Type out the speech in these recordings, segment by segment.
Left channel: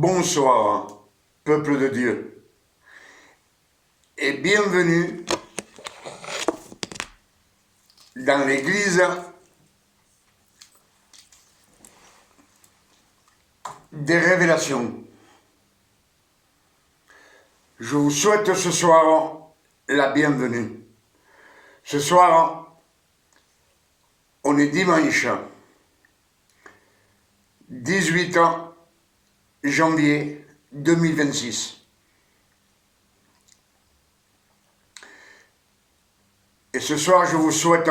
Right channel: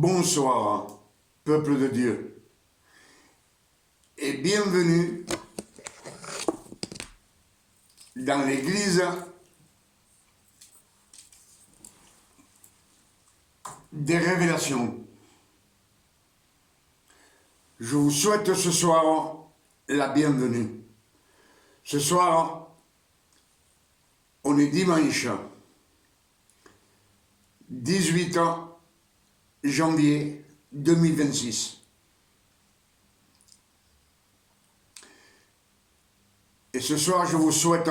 Bonsoir, peuple de Dieu, et bienvenue dans l'église des révélations. Je vous souhaite ce soir la bienvenue. Ce soir, on est dimanche 18 janvier 2026. Et ce soir, je vous souhaite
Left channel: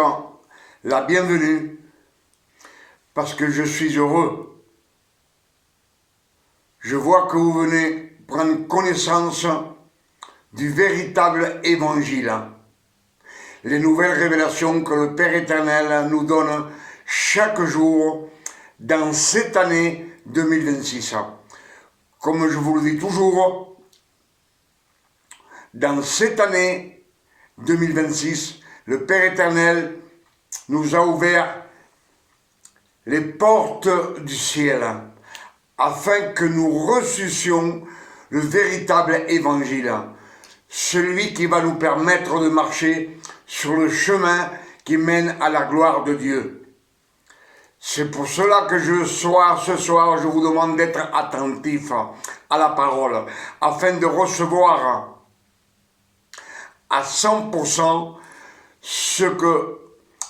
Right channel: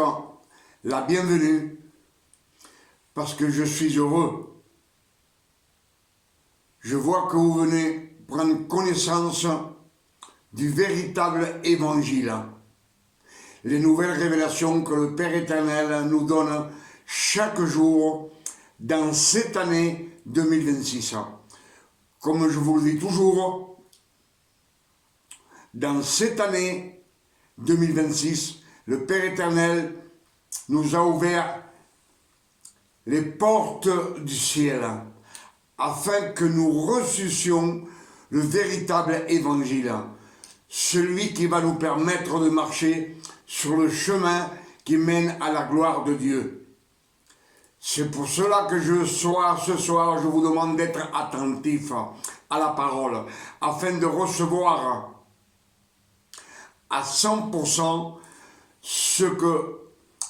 la bienvenue parce que je suis heureux. Je vois que vous venez prendre connaissance du véritable évangile. Les nouvelles révélations que le Père éternel nous donne chaque jour dans cette année 2026. Comme je vous le dis toujours, dans cette année 2026, le Père éternel nous a ouvert les portes du ciel afin que nous reçussions le véritable évangile, celui qui va nous permettre de marcher sur le chemin qui mène à la gloire de Dieu. C'est pour cela que ce soir, je vous demande d'être attentif à la parole, afin de recevoir à 100% ce que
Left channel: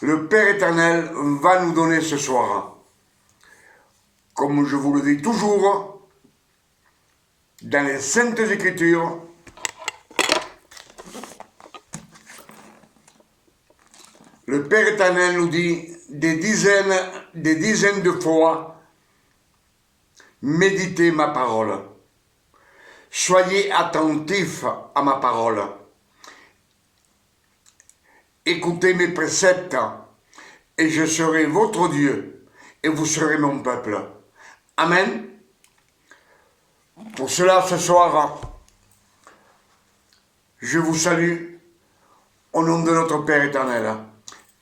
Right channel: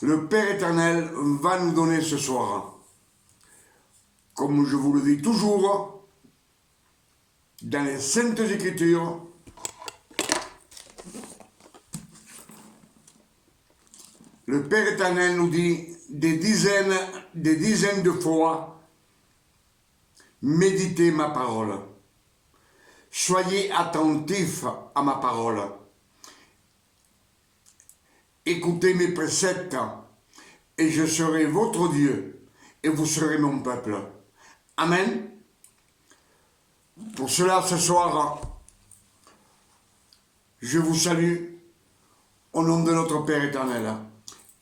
le Père éternel va nous donner ce soir. Comme je vous le dis toujours, dans les Saintes Écritures, le Père éternel nous dit des dizaines de fois, méditez ma parole. Soyez attentifs à ma parole. Écoutez mes préceptes, et je serai votre Dieu, et vous serez mon peuple. Amen. Pour cela, ce soir, je vous salue au nom de notre Père éternel.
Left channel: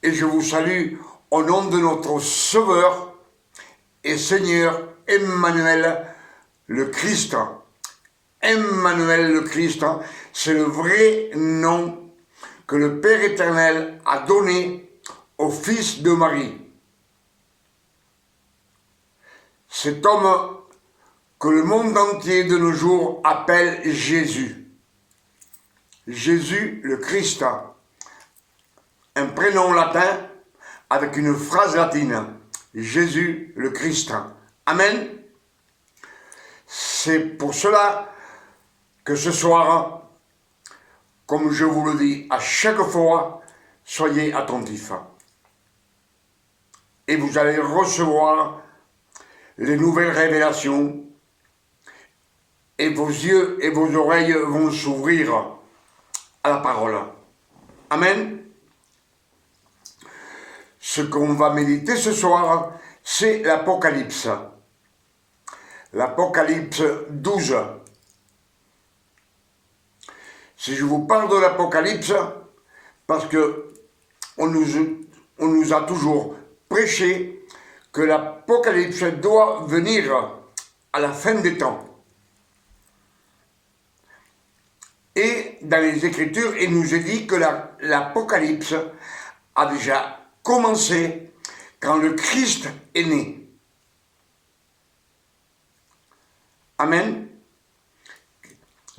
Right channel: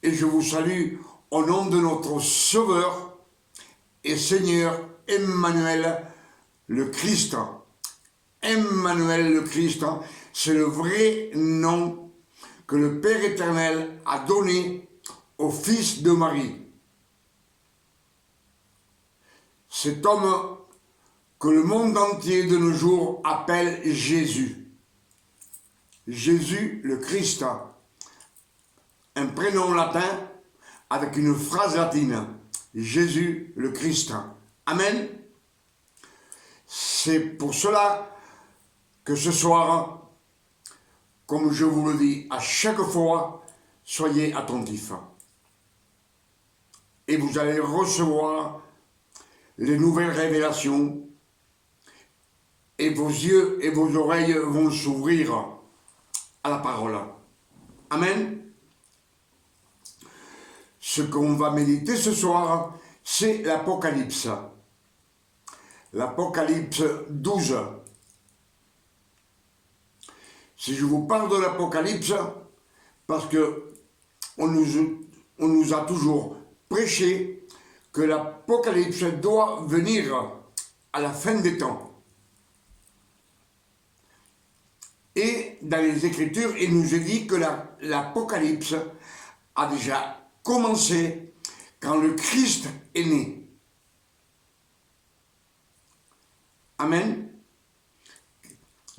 Et je vous salue au nom de notre Sauveur et Seigneur Emmanuel le Christ. Emmanuel le Christ, c'est le vrai nom que le Père éternel a donné au Fils de Marie. Cet homme que le monde entier de nos jours appelle Jésus. Jésus le Christ. Un prénom latin avec une phrase latine. Jésus le Christ. Amen. C'est pour cela que ce soir, comme je vous le dis à chaque fois, soyez attentifs. Et vous allez recevoir les nouvelles révélations et vos yeux et vos oreilles vont s'ouvrir à la parole. Amen. Ce qu'on va méditer ce soir, c'est l'Apocalypse. L'Apocalypse 12. Si je vous parle de l'Apocalypse, parce que on nous a toujours prêché que l'Apocalypse doit venir à la fin des temps. Et dans les Écritures, il nous est dit que l'Apocalypse a déjà commencé quand le Christ est né. Amen.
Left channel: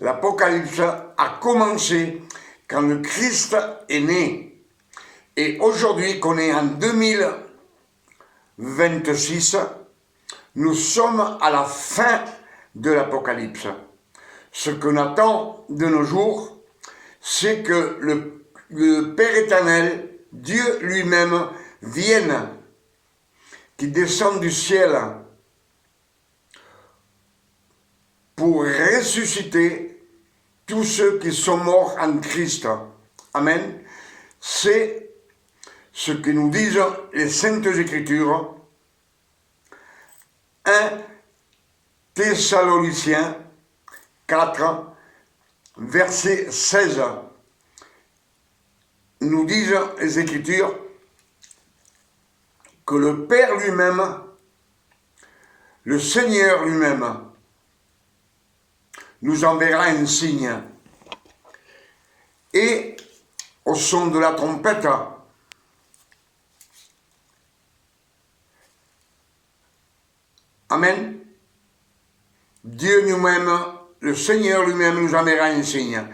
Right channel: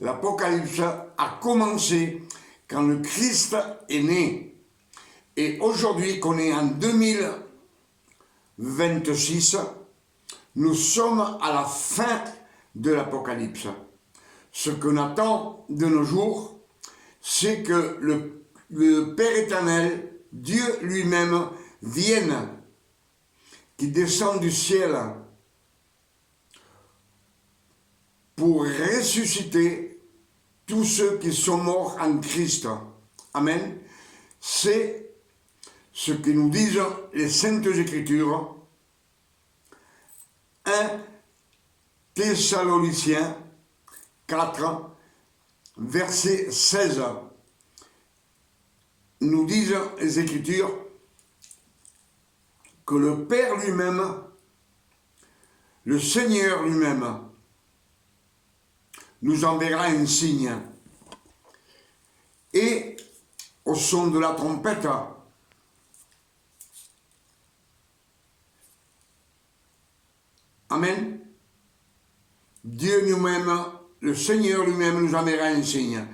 L'Apocalypse a commencé quand le Christ est né. Et aujourd'hui, qu'on est en 2026, nous sommes à la fin de l'Apocalypse. Ce qu'on attend de nos jours, c'est que le Père éternel, Dieu lui-même, vienne, qui descend du ciel pour ressusciter tous ceux qui sont morts en Christ. Amen. C'est ce que nous disent les Saintes Écritures. 1 Thessaloniciens 4, verset 16. Nous disent les Écritures que le Père lui-même, le Seigneur lui-même, nous enverra un signe. Et au son de la trompette, amen, Dieu lui-même, le Seigneur lui-même nous enverra un signe.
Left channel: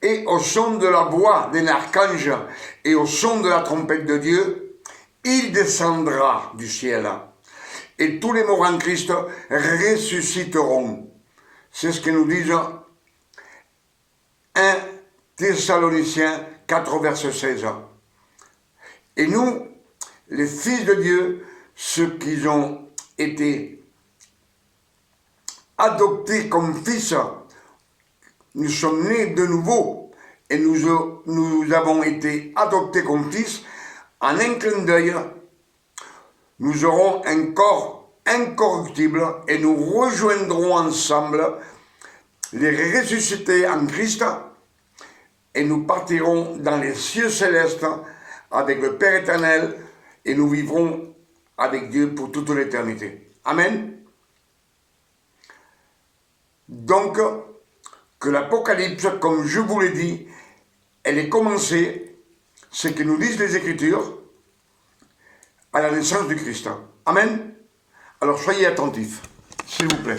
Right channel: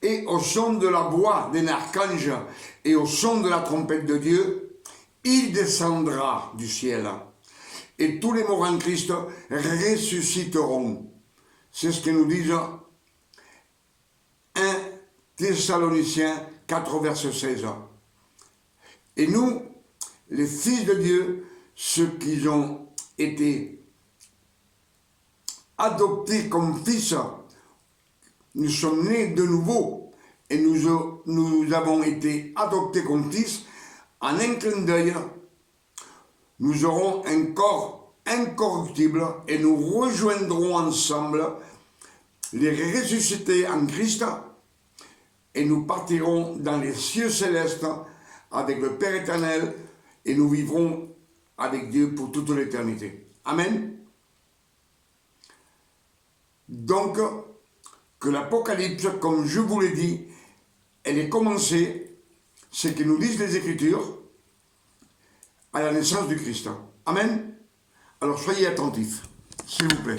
Et au son de la voix d'un archange et au son de la trompette de Dieu, il descendra du ciel. Et tous les morts en Christ ressusciteront. C'est ce que nous disent 1 Thessaloniciens 4, verset 16. Et nous, les fils de Dieu, ceux qui ont été adoptés comme fils, nous sommes nés de nouveau et nous avons été adoptés comme fils. En un clin d'œil, nous aurons un corps incorruptible et nous rejoindrons ensemble les ressuscités en Christ et nous partirons dans les cieux célestes avec le Père éternel et nous vivrons avec Dieu pour toute l'éternité. Amen. Donc, que l'Apocalypse, comme je vous l'ai dit, elle est commencée, c'est que nous disent les Écritures, à la naissance du Christ. Amen. Alors soyez attentifs, s'il vous plaît.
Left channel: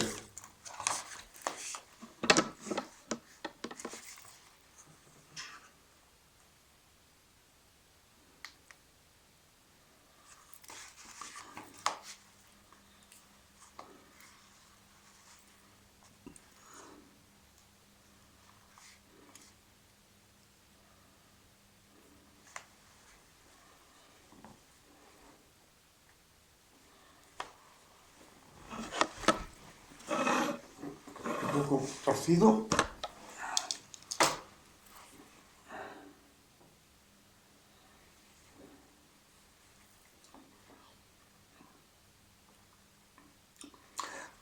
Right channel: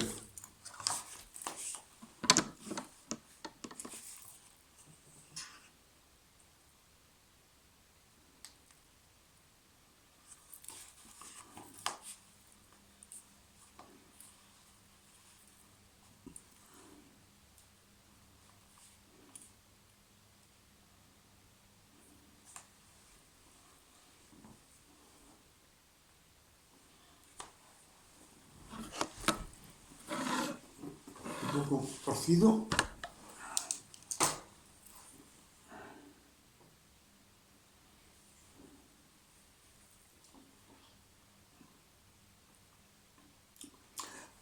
Un poco torcido.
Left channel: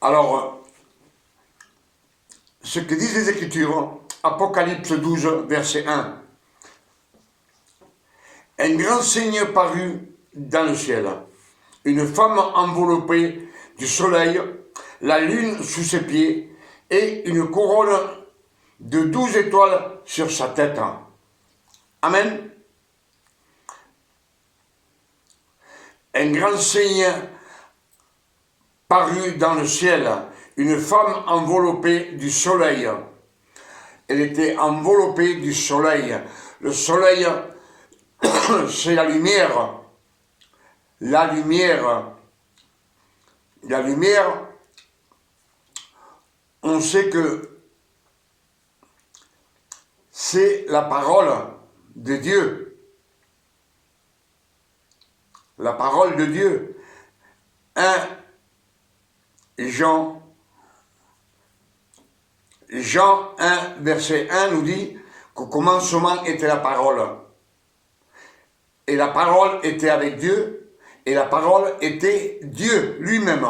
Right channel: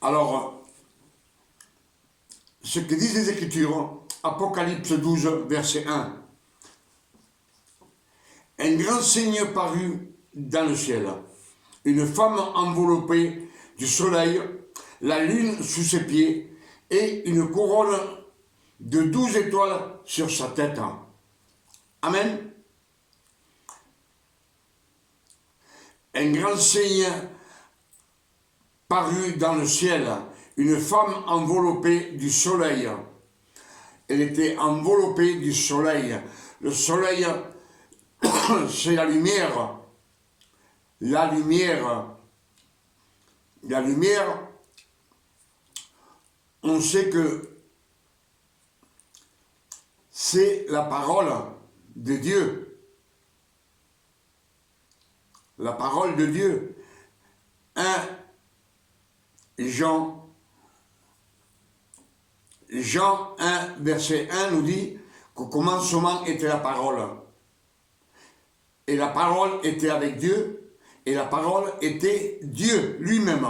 Alors, ce que disent les Écritures, Apocalypse 12, verset 1. Un grand signe parut dans le ciel, une femme enveloppée du soleil, la lune sous ses pieds, et une couronne de 12 étoiles sur sa tête. Amen. Un grand signe parut dans le ciel, une femme enveloppée du soleil. Elle était enveloppée du soleil. Le soleil, c'est la lumière. La lumière. La lumière, on sait que c'est la parole de Dieu. La parole de Dieu. 1 Jean 1, verset 1 nous dit qu'au commencement était la parole. Et la parole était avec Dieu, et la parole était Dieu lui-même.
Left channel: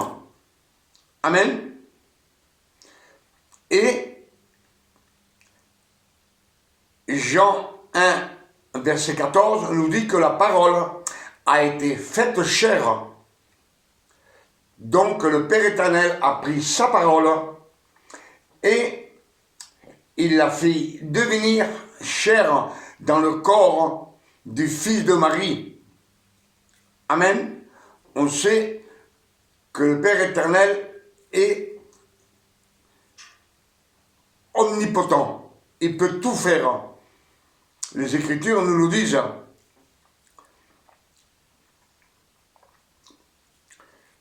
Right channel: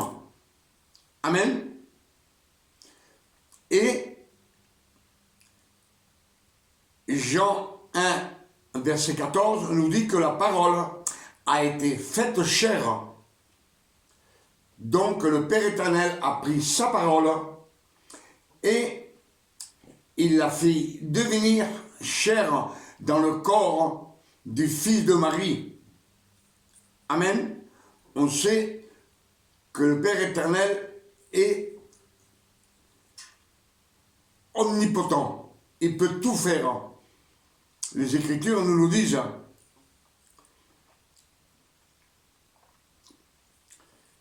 Amen. Et Jean 1, verset 14 nous dit que la parole a été faite chair. Donc le Père éternel a pris sa parole et il l'a fait devenir chair dans le corps du Fils de Marie. Amen. On sait que le Père éternel est omnipotent. Il peut tout faire. Les Écritures nous le disent.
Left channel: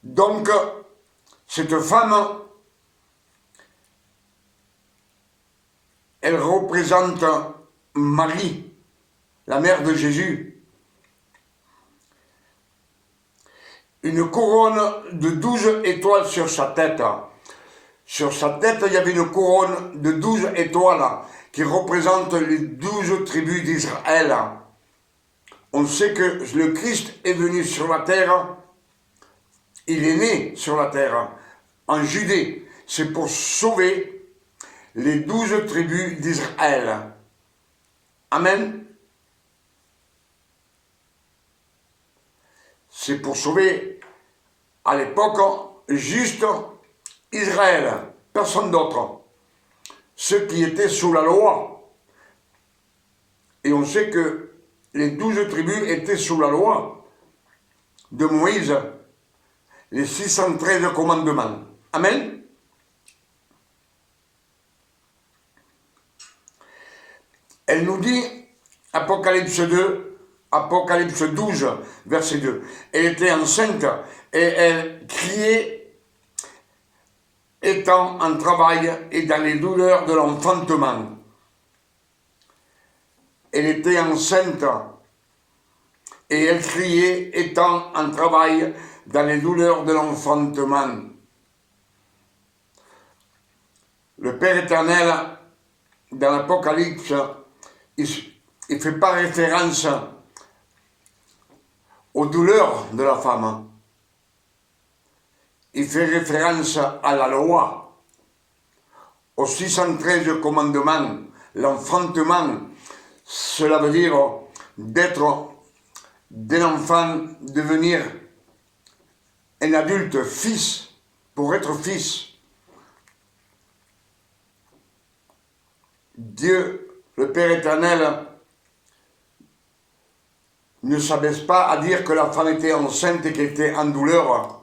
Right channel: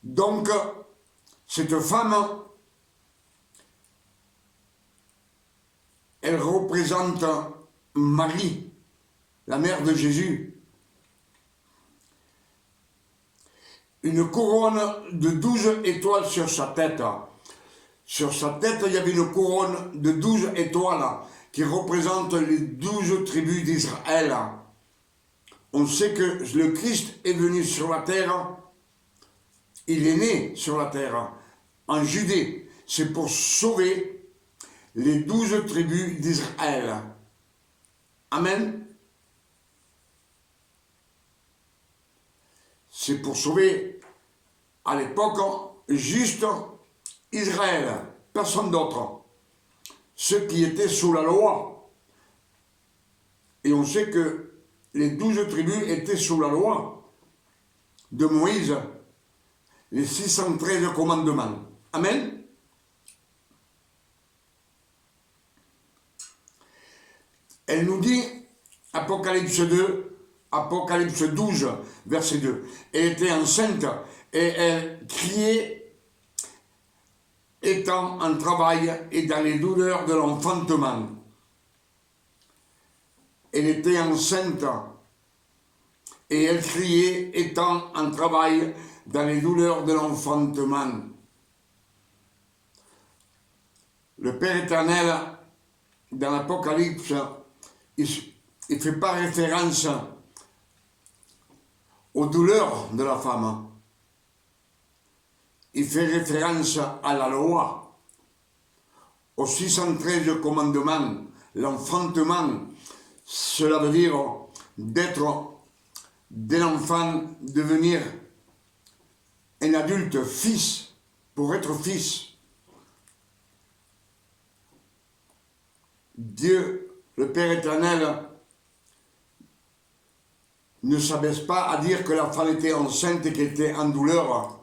Donc, cette femme, elle représente Marie, la mère de Jésus. Une couronne de 12 étoiles sur sa tête. Sur sa tête, il y avait une couronne de 12 étoiles qui représente les 12 tribus d'Israël. On sait que le Christ est venu sur la terre. Il est né sur la terre, en Judée. C'est pour sauver les 12 tribus d'Israël. Amen. C'est pour sauver, à l'époque, juste Israël, personne d'autre. ceux qui étaient sous la loi. Et on sait que les 12 tribus étaient sous la loi de Moïse, les 613 commandements. Amen. Elle nous dit, Apocalypse 12, verset 2, elle était enceinte et elle criait, étant en travail et dans les douleurs de l'enfantement. Elle était enceinte et elle criait, étant en travail dans les douleurs de l'enfantement. Le Père éternel, dans l'Apocalypse, il ne fait pas référence aux douleurs de la femme. Il fait référence à la loi, aux 613 commandements, l'enfantement. Cela veut dire d'être d'un enfant, devenir un adulte, fils, pour être fils. Dieu, le Père éternel, ne s'abaisse pas à dire que la femme était enceinte et qu'elle était en douleur.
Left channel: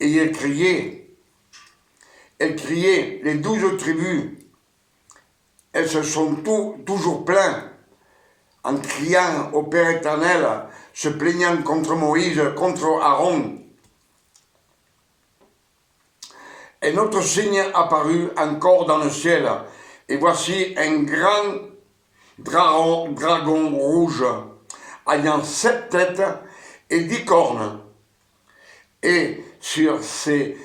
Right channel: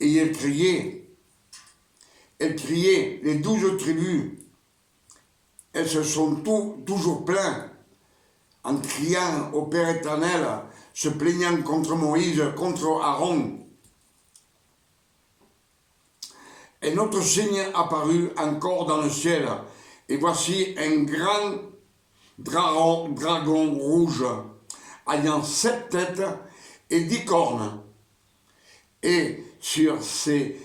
Et elle criait, les 12 tribus, elles se sont toujours plaintes en criant au Père éternel, se plaignant contre Moïse, contre Aaron. Un autre signe apparut encore dans le ciel, et voici un grand dragon rouge, ayant 7 têtes et 10 cornes, et sur ses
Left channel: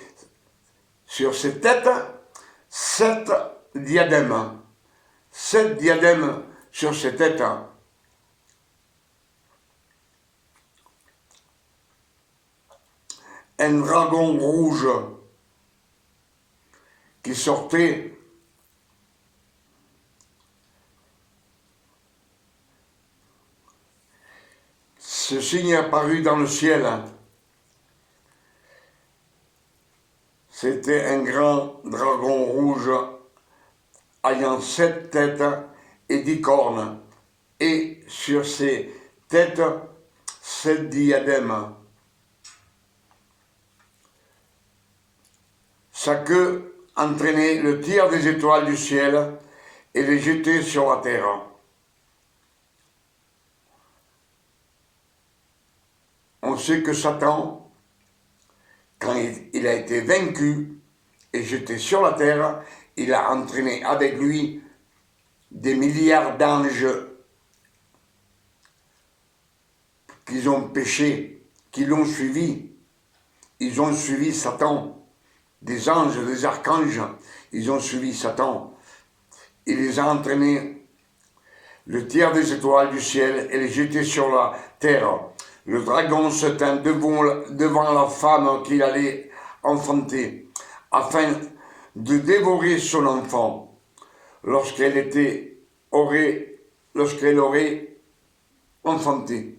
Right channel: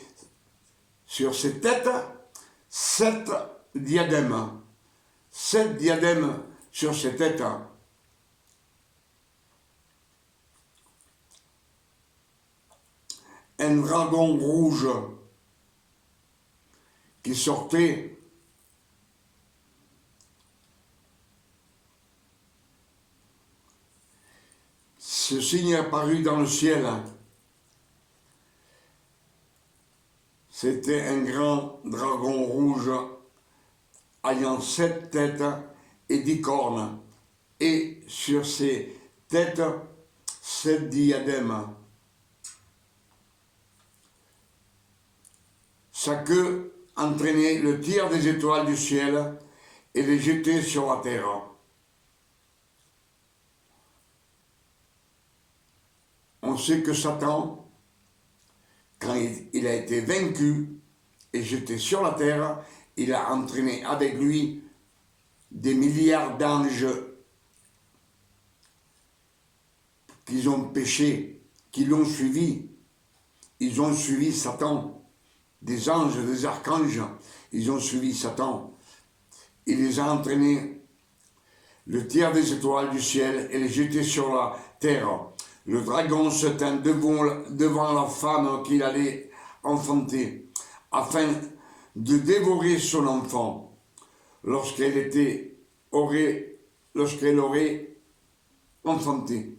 têtes, 7 diadèmes. 7 diadèmes sur ses têtes. Un dragon rouge qui sortait ce signe apparut dans le ciel. C'était un grand dragon rouge ayant 7 têtes et 10 cornes, et sur ses têtes 7 diadèmes. Sa queue entraînait le tiers des étoiles du ciel et les jetait sur la terre. On sait que Satan, quand il a été vaincu et jeté sur la terre, il a entraîné avec lui des milliards d'anges qui ont péché, qui l'ont suivi. Ils ont suivi Satan. Des anges, des archanges, ils ont suivi Satan. Il les a entraînés, le tiers des étoiles du ciel, et les jetés sur la terre. Le dragon se tint devant la femme qu'il allait enfanter, afin de dévorer son enfant, lorsqu'elle aurait enfanté.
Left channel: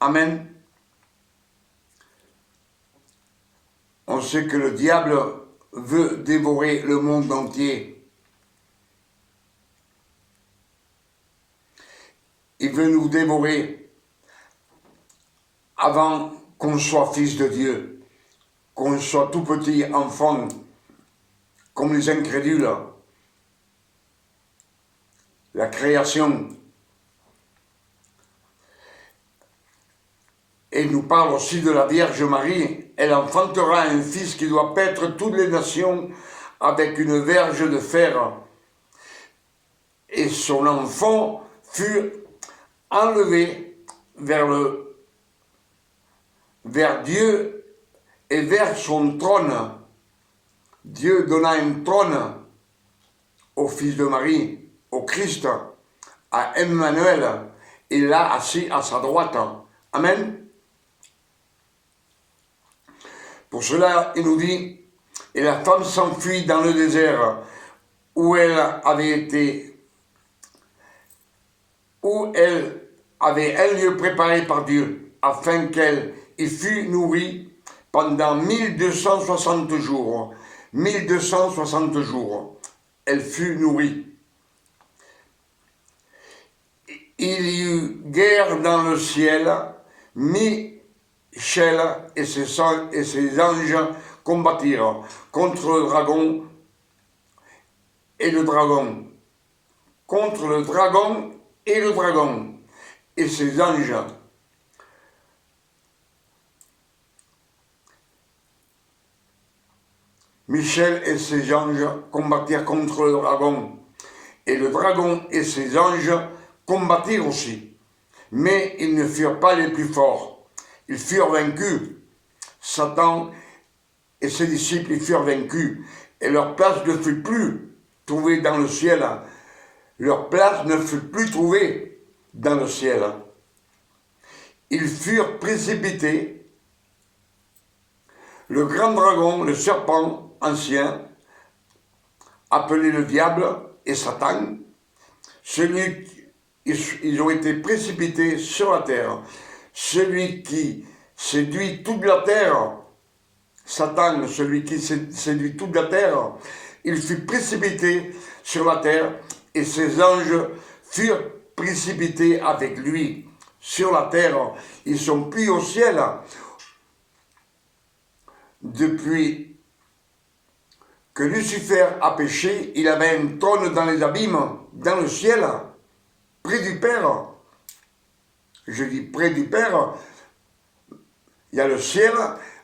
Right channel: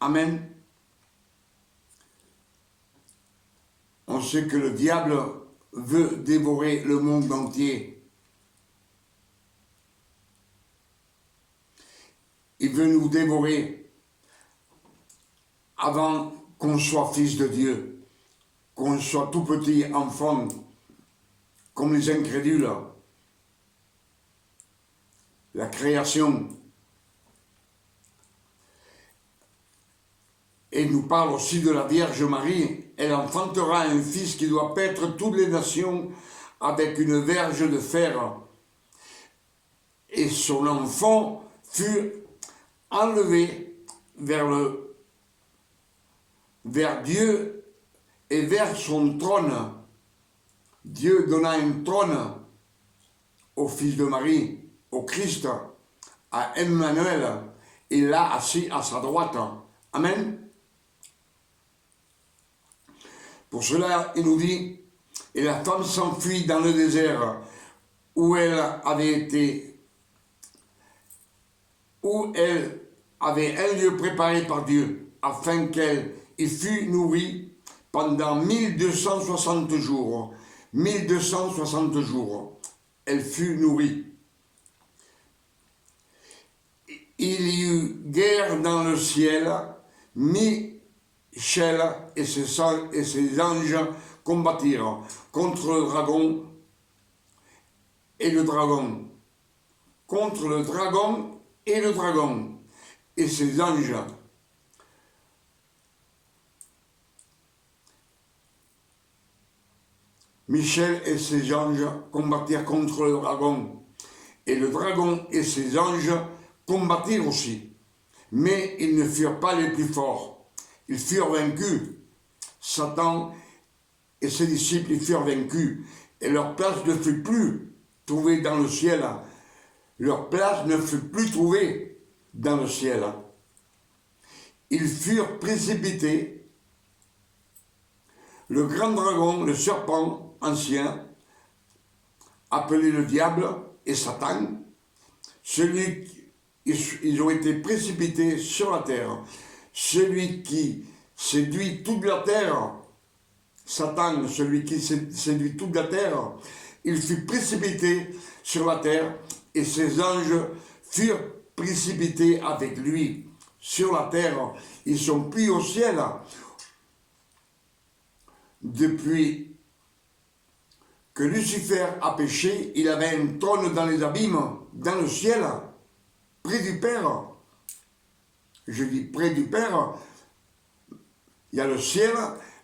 Amen. On sait que le diable veut dévorer le monde entier. Il veut nous dévorer avant qu'on soit fils de Dieu, qu'on soit tout petit enfant, comme les incrédules. La création. Et il nous parle aussi de la Vierge Marie. Elle enfantera un fils qui doit paître toutes les nations avec une verge de fer. Et son enfant fut enlevé vers Dieu et vers son trône. Dieu donna un trône au fils de Marie, au Christ, à Emmanuel. Il l'a assis à sa droite. Amen. Pour cela, il nous dit, et la femme s'enfuit dans le désert où elle avait un lieu préparé par Dieu, afin qu'elle y fût nourrie pendant 1260 jours. 1260 jours. Elle fut nourrie. Il y eut guerre dans le ciel. Michel et ses anges combattirent contre le dragon et le dragon. Contre le dragon et le dragon et ses anges. Michel et ses anges combattirent contre le dragon, et le dragon et ses anges combattirent aussi. Mais ils ne furent pas les plus forts. Ils furent vaincus. Satan et ses disciples y furent vaincus, et leur place ne fut plus trouvée dans le ciel. Leur place ne fut plus trouvée dans le ciel. Ils furent précipités. Le grand dragon, le serpent ancien, appelé le diable et Satan, ils ont été précipités sur la terre. Celui qui séduit toute la terre, Satan, celui qui séduit toute la terre, il fut précipité sur la terre et ses anges furent précipités avec lui sur la terre. Ils sont pris au ciel. Depuis que Lucifer a péché, il avait un trône dans les abîmes, dans le ciel, près du Père. Je dis près du Père, il y a le ciel,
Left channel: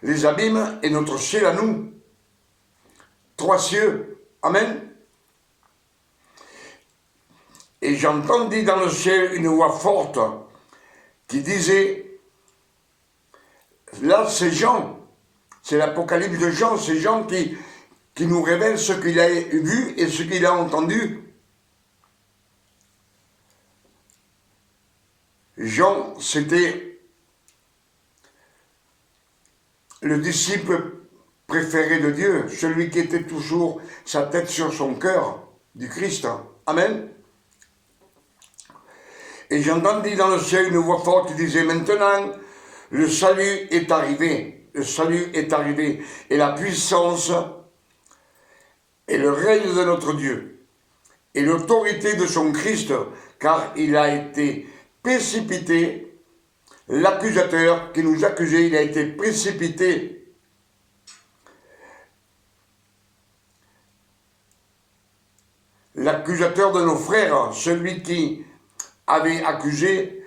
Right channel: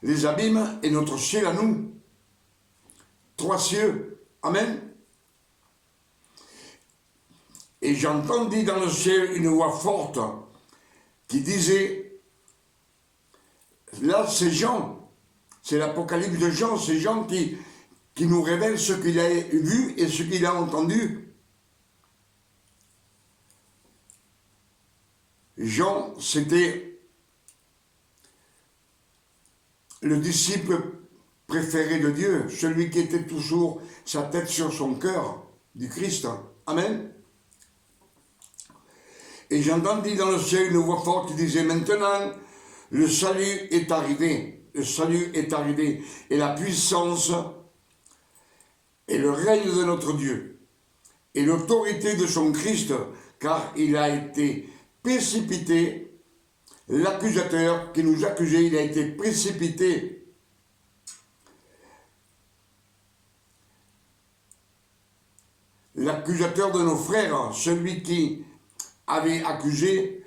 les abîmes et notre ciel à nous. 3 cieux. Amen. Et j'entendis dans le ciel une voix forte qui disait, là c'est Jean, c'est l'Apocalypse de Jean, c'est Jean qui nous révèle ce qu'il a vu et ce qu'il a entendu. Jean, c'était le disciple préféré de Dieu, celui qui était toujours sa tête sur son cœur, du Christ. Amen. Et j'entendis dans le ciel une voix forte qui disait, maintenant, le salut est arrivé, le salut est arrivé, et la puissance et le règne de notre Dieu, et l'autorité de son Christ, car il a été précipité, l'accusateur qui nous accusait, il a été précipité. L'accusateur de nos frères, celui qui avait accusé,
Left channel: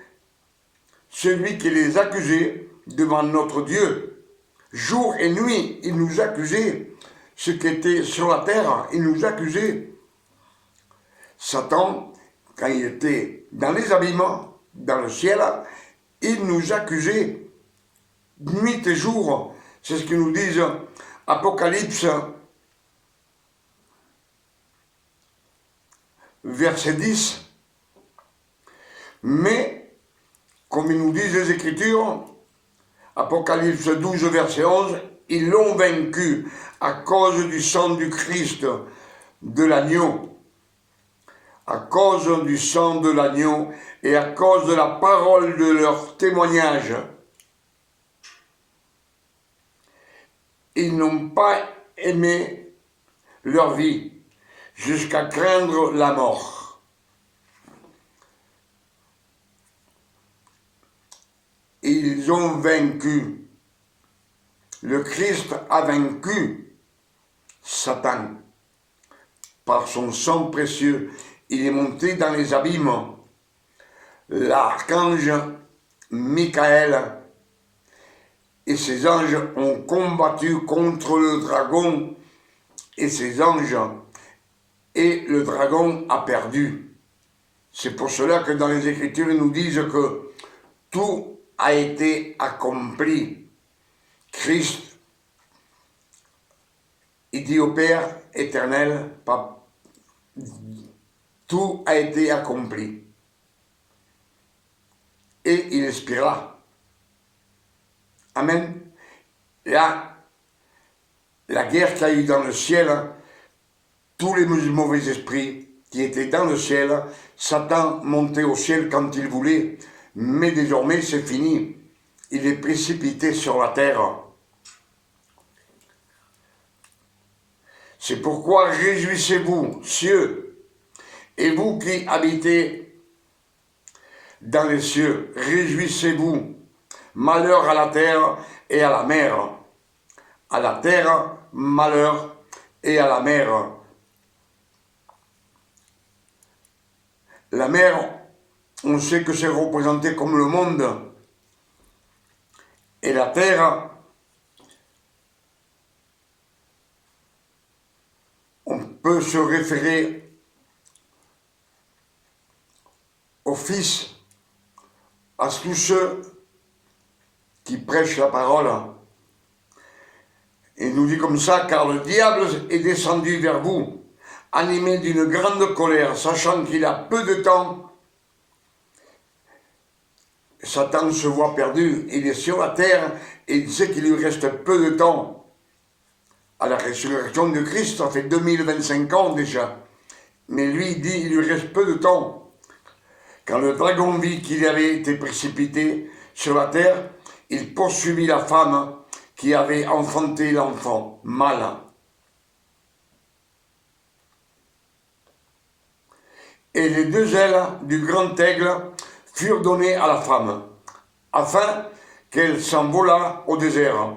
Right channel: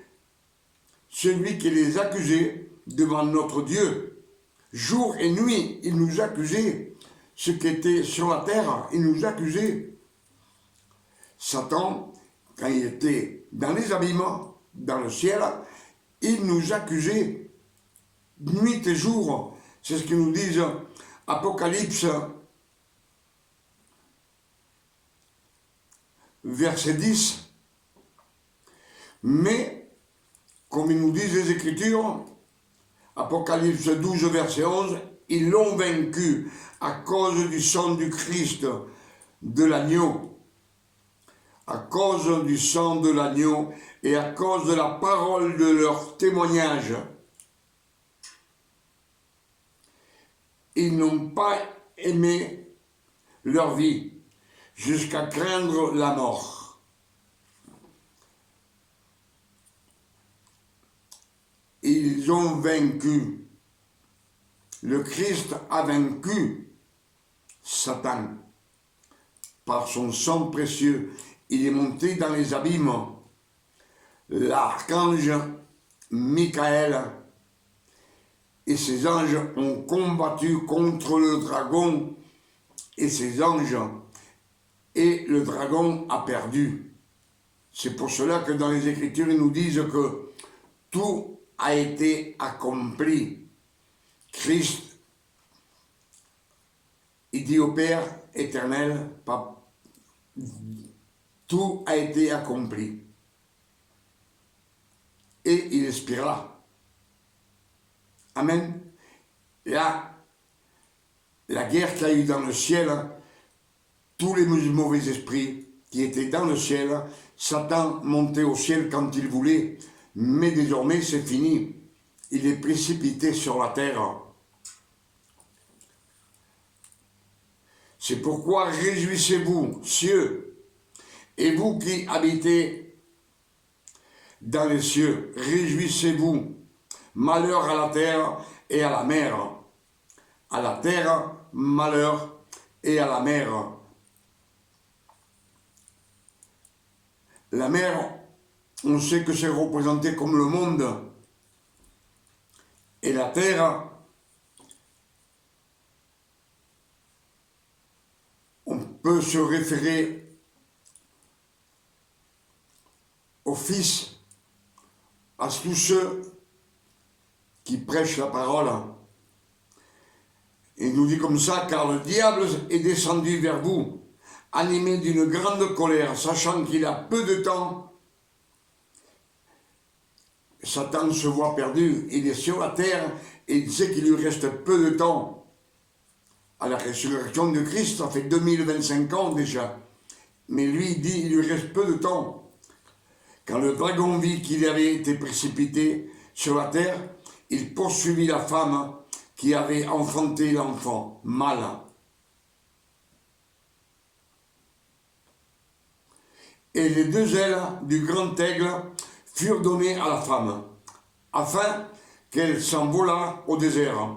celui qui les accusait devant notre Dieu. Jour et nuit, il nous accusait. Ce qui était sur la terre, il nous accusait. Satan, quand il était dans les abîmes, dans le ciel, il nous accusait nuit et jour. C'est ce que nous disent Apocalypse, verset 10. Mais, comme ils nous disent les Écritures, Apocalypse 12, verset 11, ils l'ont vaincu à cause du sang du Christ, de l'agneau. À cause du sang de l'agneau et à cause de la parole de leur témoignage. Ils n'ont pas aimé leur vie jusqu'à craindre la mort. Ils ont vaincu. Le Christ a vaincu Satan. Par son sang précieux, il est monté dans les abîmes. L'archange Michael et ses anges ont combattu contre le dragon et ses anges, et le dragon a perdu. C'est pour cela que dans les Écritures, ils nous disent que tout a été accompli. Christ, il dit au Père éternel, tout a été accompli. Et il expira. Amen. Là, la guerre qu'il y a eu dans le ciel, tous les mauvais esprits qui étaient dans le ciel, Satan montait au ciel quand il voulait, mais désormais c'est fini. Il est précipité sur la terre. C'est pourquoi réjouissez-vous, cieux, et vous qui habitez dans les cieux, réjouissez-vous, malheur à la terre et à la mer. À la terre, malheur et à la mer. La mer, on sait que c'est représenté comme le monde. Et la terre, on peut se référer au Fils, à tous ceux qui prêchent la parole. Il nous dit comme ça, car le diable est descendu vers vous, animé d'une grande colère, sachant qu'il a peu de temps. Satan se voit perdu, il est sur la terre et il sait qu'il lui reste peu de temps. À la résurrection de Christ, ça fait 2025 ans déjà. Mais lui, il dit, il lui reste peu de temps. Quand le dragon vit qu'il avait été précipité sur la terre, il poursuivit la femme qui avait enfanté l'enfant mâle. Et les deux ailes du grand aigle furent données à la femme, afin qu'elle s'envolât au désert,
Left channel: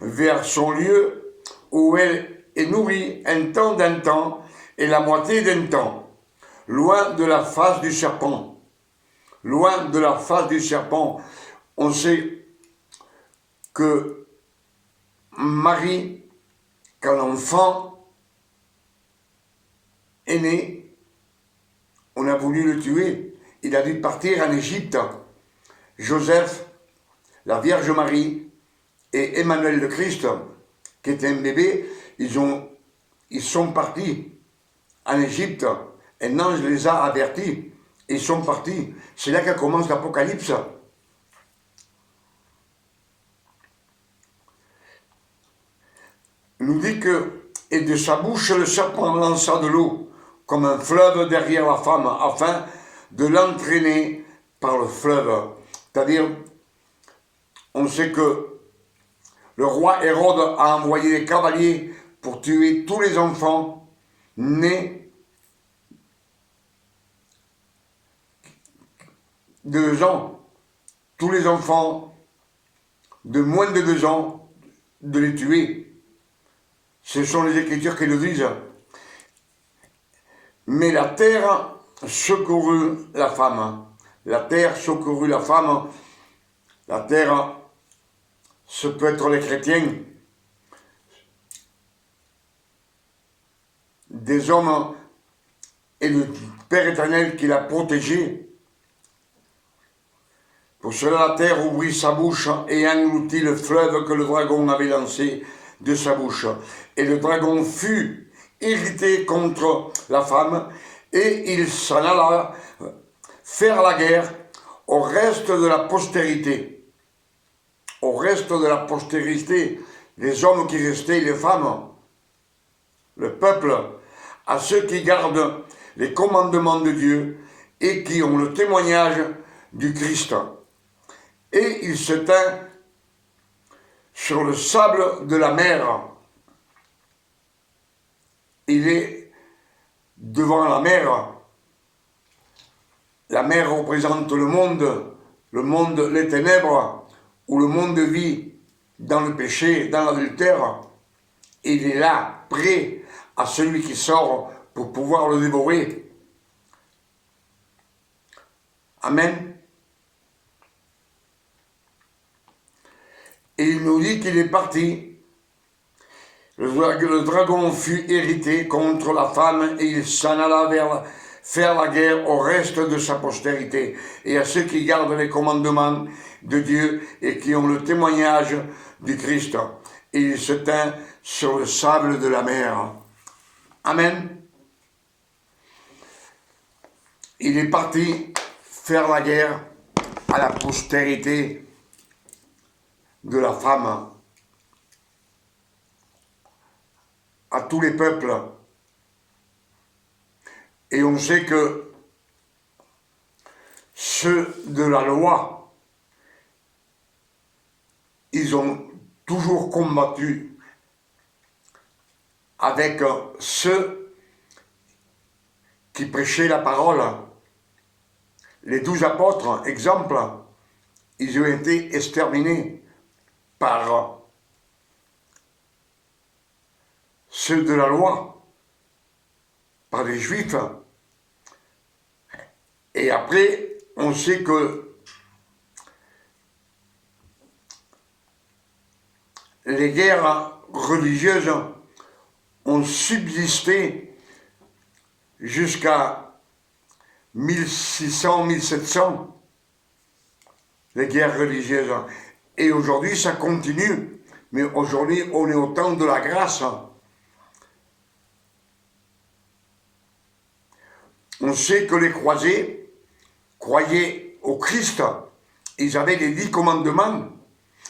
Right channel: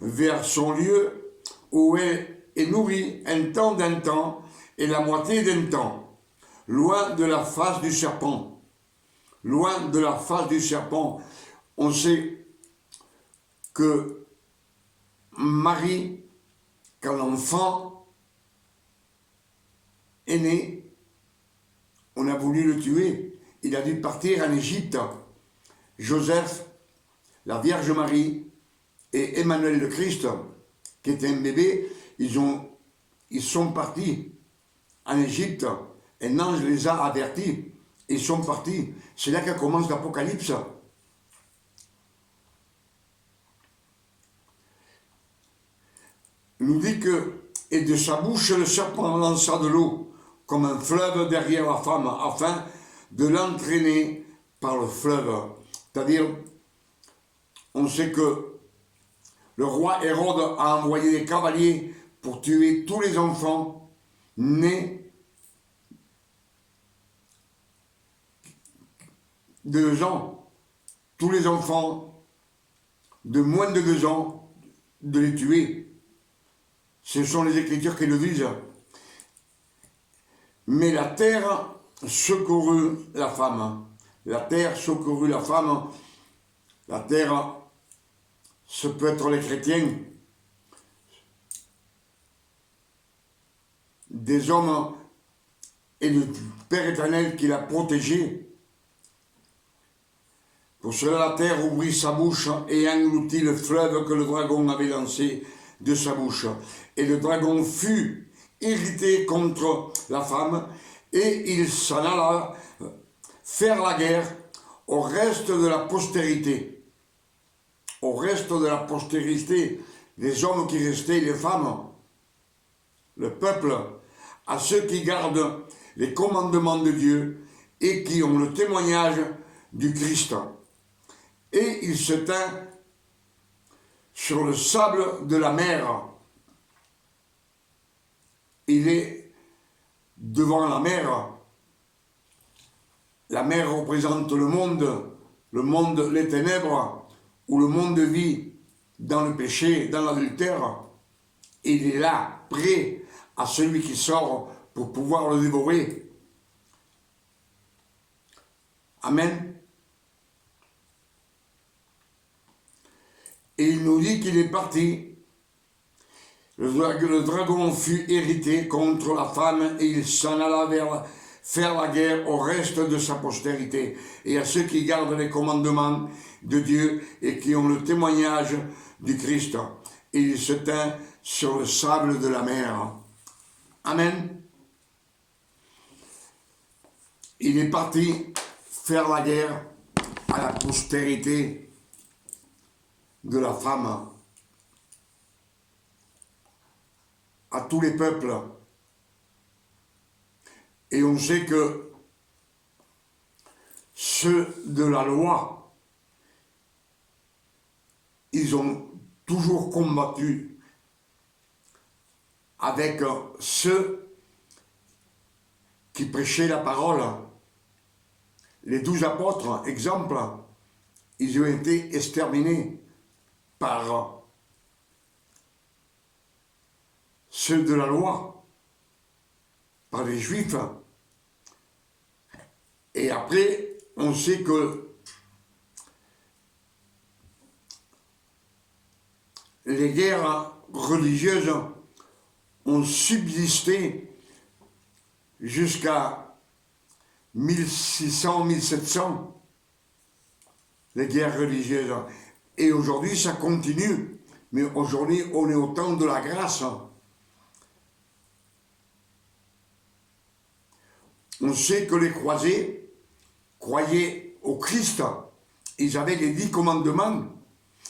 vers son lieu où elle est nourrie un temps d'un temps et la moitié d'un temps, loin de la face du serpent. Loin de la face du serpent. On sait que Marie, quand l'enfant est né, on a voulu le tuer. Il a dû partir en Égypte. Joseph, la Vierge Marie et Emmanuel le Christ, qui était un bébé, ils sont partis en Égypte. Un ange les a avertis. Ils sont partis. C'est là que commence l'Apocalypse. Il nous dit que, et de sa bouche le serpent lança de l'eau, comme un fleuve derrière la femme, afin de l'entraîner par le fleuve. C'est-à-dire, on sait que le roi Hérode a envoyé des cavaliers pour tuer tous les enfants nés de 2 ans. Tous les enfants de moins de 2 ans, de les tuer. Ce sont les Écritures qui le disent. Mais la terre secourut la femme. La terre secourut la femme. La terre, ce peut être les chrétiens. Des hommes et le Père éternel qui l'a protégé. Pour cela, la terre ouvrit sa bouche et engloutit le fleuve que le dragon avait lancé de sa bouche. Et le dragon fut irrité contre la femme et il s'en alla faire la guerre au reste de la postérité. Au reste de la postérité, les hommes qui restaient, les femmes, le peuple, à ceux qui gardent les commandements de Dieu et qui ont le témoignage du Christ. Et il se tint sur le sable de la mer. Il est devant la mer. La mer représente le monde, les ténèbres, où le monde vit dans le péché, dans l'adultère. Il est là, prêt à celui qui sort pour pouvoir le dévorer. Amen. Et il nous dit qu'il est parti. Le dragon fut irrité contre la femme et il s'en alla faire la guerre au reste de sa postérité et à ceux qui gardent les commandements de Dieu et qui ont le témoignage du Christ. Et il se tint sur le sable de la mer. Amen. Il est parti faire la guerre à la postérité de la femme, à tous les peuples. Et on sait que ceux de la loi, ils ont toujours combattu avec ceux qui prêchaient la parole. Les 12 apôtres, exemple, ils ont été exterminés par ceux de la loi, par les Juifs. Et après, on sait que les guerres religieuses ont subsisté jusqu'à 1600, 1700, les guerres religieuses. Et aujourd'hui, ça continue. Mais aujourd'hui, on est au temps de la grâce. On sait que les croisés croyaient au Christ. Ils avaient les 10 commandements,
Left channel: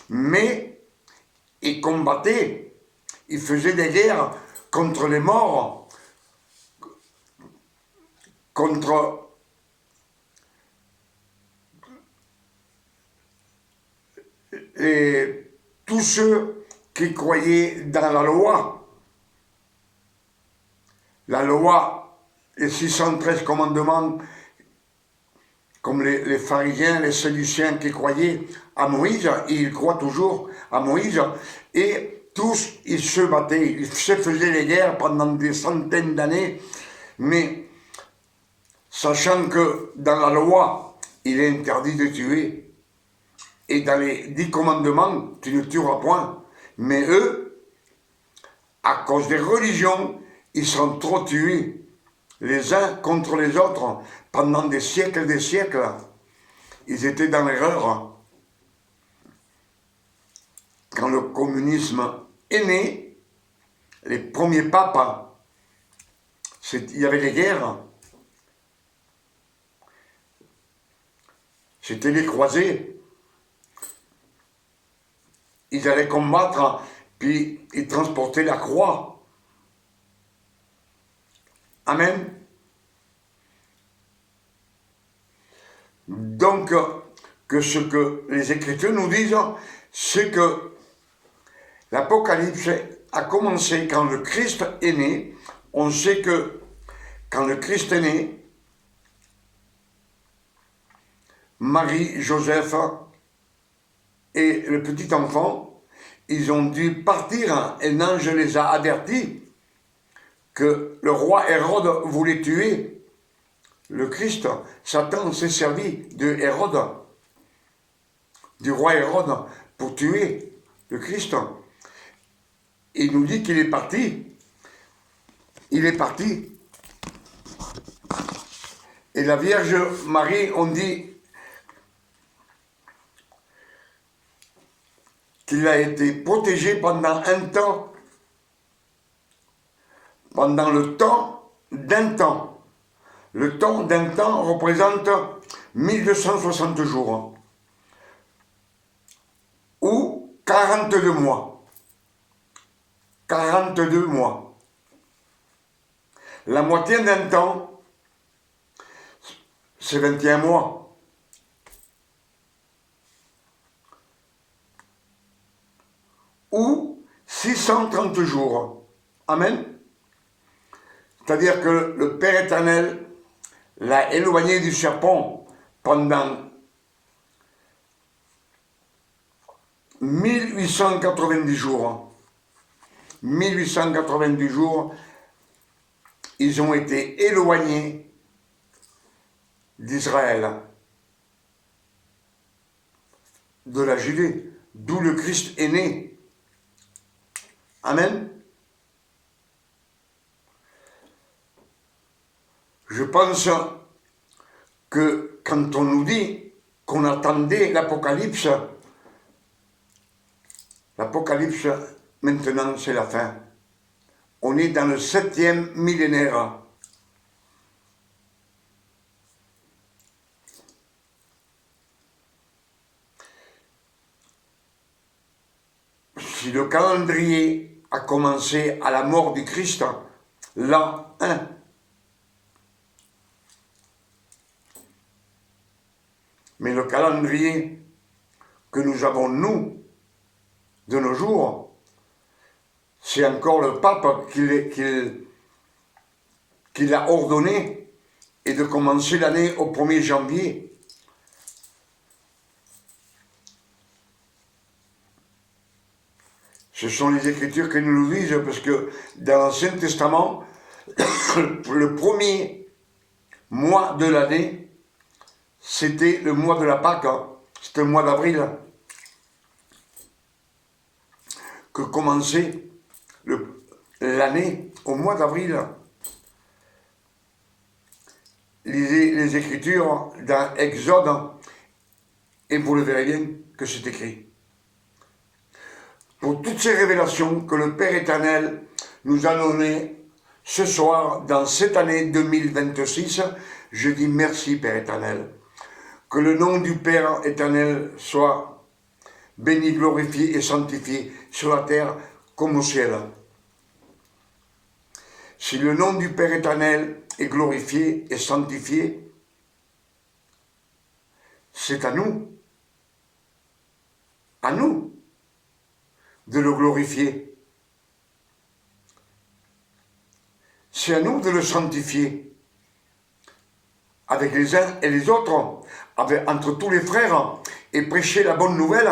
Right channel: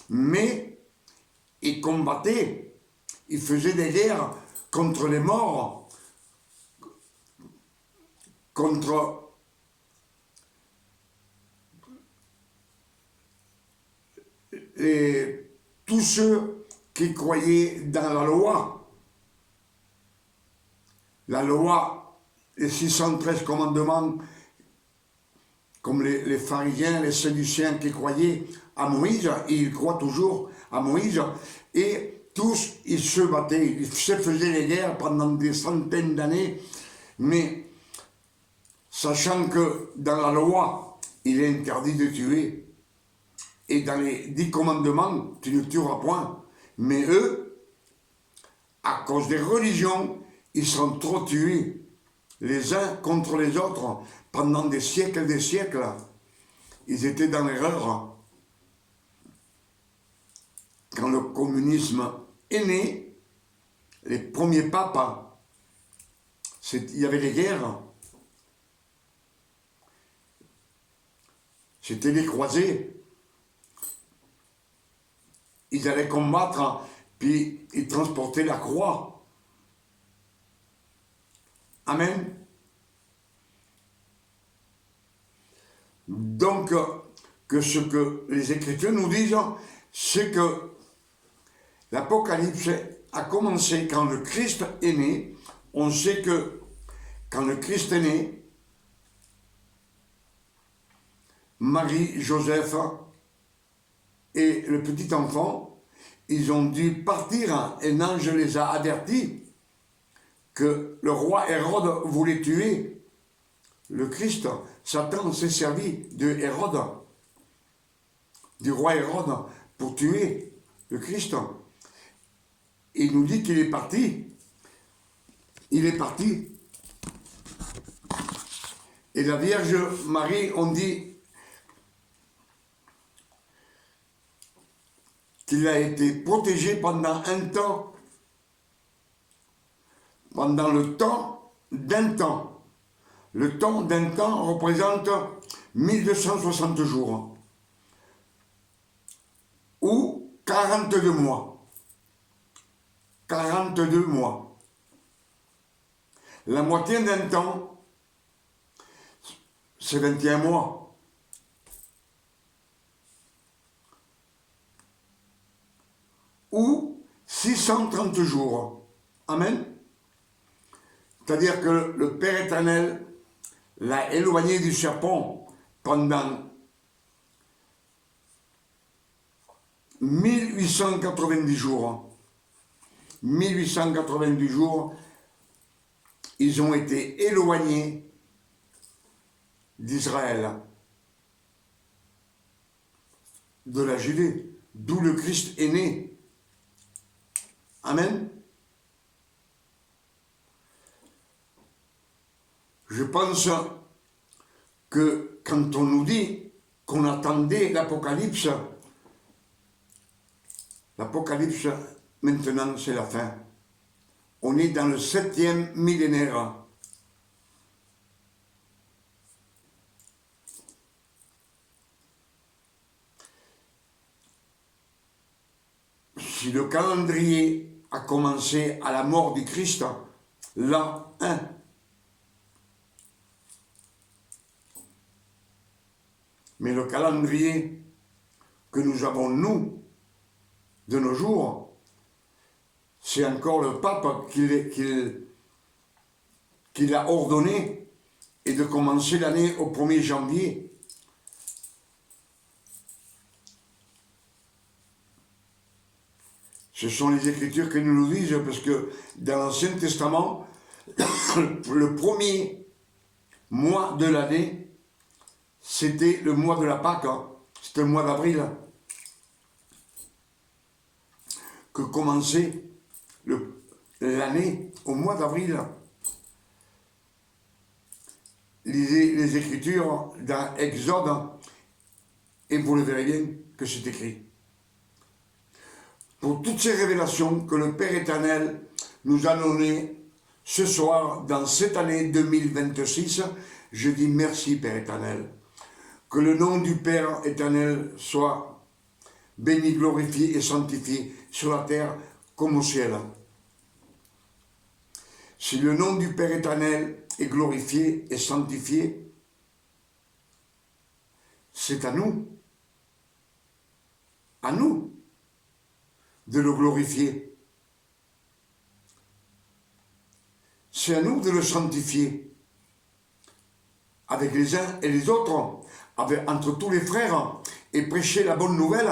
mais ils combattaient. Ils faisaient des guerres contre les morts, contre tous ceux qui croyaient dans la loi. La loi, les 613 commandements, comme les pharisiens, les sadduciens qui croyaient à Moïse, et ils croient toujours à Moïse, et tous, ils se battaient, ils se faisaient les guerres pendant des centaines d'années, mais sachant que dans la loi, il est interdit de tuer, et dans les 10 commandements, tu ne tueras point. Mais eux, à cause des religions, ils sont trop tués, les uns contre les autres, pendant des siècles et des siècles. Ils étaient dans l'erreur. Quand le communisme est né, les premiers papes, il y avait les guerres. C'était les croisés. Ils allaient combattre, puis ils transportaient la croix. Amen. Donc, que ce que les Écritures nous disent, c'est que l'Apocalypse a commencé quand le Christ est né. On sait que quand le Christ est né, Marie, Joseph et le petit enfant, ils ont dû partir. Un ange les a avertis que le roi Hérode voulait tuer le Christ. Satan s'est servi de Hérode, du roi Hérode, pour tuer le Christ. Il nous dit qu'il est parti. Il est parti. Et la Vierge Marie, on dit qu'il a été protégé pendant un temps, pendant le temps d'un temps. Le temps d'un temps représente 1260 jours, ou 42 mois. 42 mois. La moitié d'un temps, c'est 21 mois. Ou 630 jours. Amen. C'est-à-dire que le Père éternel l'a éloigné du serpent pendant 1890 jours. 1890 jours, ils ont été éloignés d'Israël, de la Judée, d'où le Christ est né. Amen. Je pense que quand on nous dit qu'on attendait l'Apocalypse, l'Apocalypse, maintenant, c'est la fin. On est dans le 7e millénaire. Si le calendrier a commencé à la mort du Christ, l'an 1, mais le calendrier que nous avons, nous, de nos jours, c'est encore le pape qui l'a ordonné, et de commencer l'année au 1er janvier. Ce sont les Écritures qui nous le disent, parce que dans l'Ancien Testament, le premier mois de l'année, c'était le mois de la Pâque, hein. C'était le mois d'avril, que commençait l'année au mois d'avril. Lisez les Écritures dans Exode et vous le verrez bien que c'est écrit. Pour toutes ces révélations que le Père éternel nous a données ce soir, dans cette année 2026, je dis merci Père éternel. Que le nom du Père éternel soit béni, glorifié et sanctifié sur la terre comme au ciel. Si le nom du Père éternel est glorifié et sanctifié, c'est à nous de le glorifier. C'est à nous de le sanctifier avec les uns et les autres, entre tous les frères, et prêcher la bonne nouvelle,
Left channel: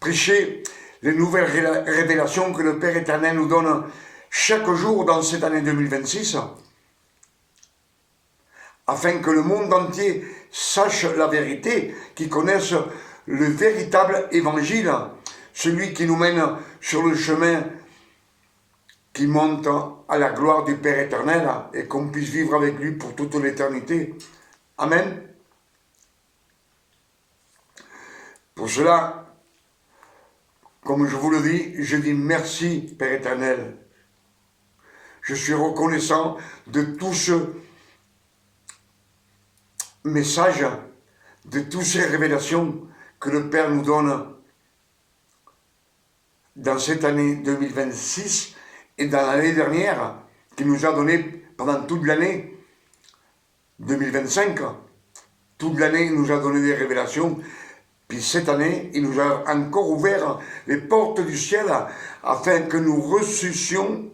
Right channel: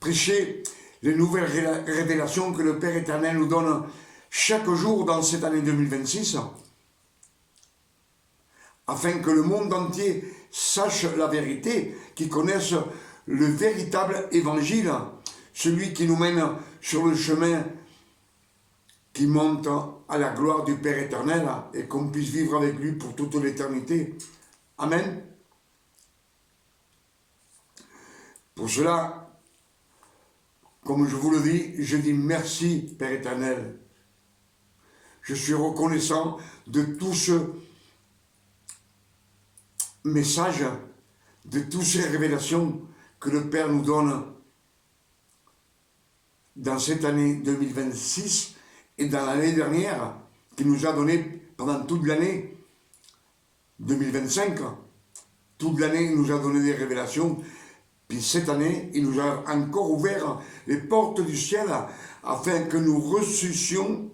prêcher les nouvelles révélations que le Père éternel nous donne chaque jour dans cette année 2026, afin que le monde entier sache la vérité, qu'il connaisse le véritable évangile, celui qui nous mène sur le chemin qui monte à la gloire du Père éternel, et qu'on puisse vivre avec lui pour toute l'éternité. Amen. Pour cela, comme je vous le dis, je dis merci Père éternel. Je suis reconnaissant de tout ce message, de toutes ces révélations que le Père nous donne dans cette année 2026 et dans l'année dernière, qu'il nous a donné pendant toute l'année 2025. Toute l'année, il nous a donné des révélations. Puis cette année, il nous a encore ouvert les portes du ciel afin que nous reçussions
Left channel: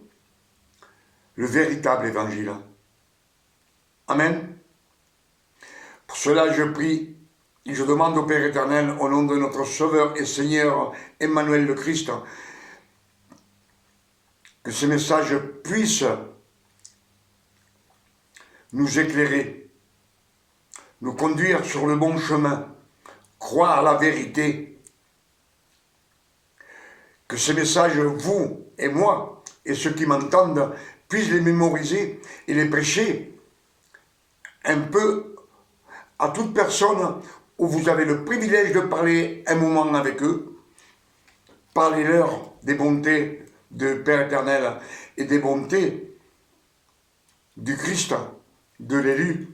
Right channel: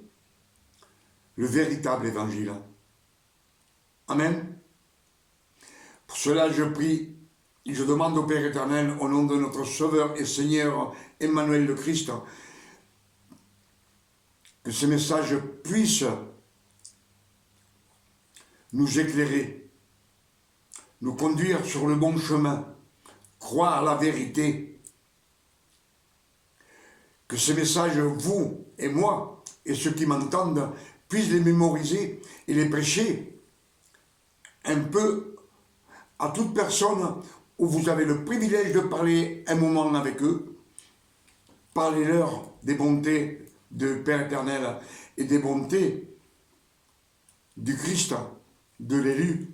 le véritable évangile. Amen. Pour cela, je prie et je demande au Père éternel, au nom de notre Sauveur et Seigneur Emmanuel le Christ, que ce message puisse nous éclairer, nous conduire sur le bon chemin, croire la vérité. Que ces messages, vous et moi, et ceux qui m'entendent, puissent les mémoriser et les prêcher un peu à toute personne où vous avez le privilège de parler un moment avec eux. Parlez-leur des bontés du Père éternel et des bontés du Christ, de l'élu,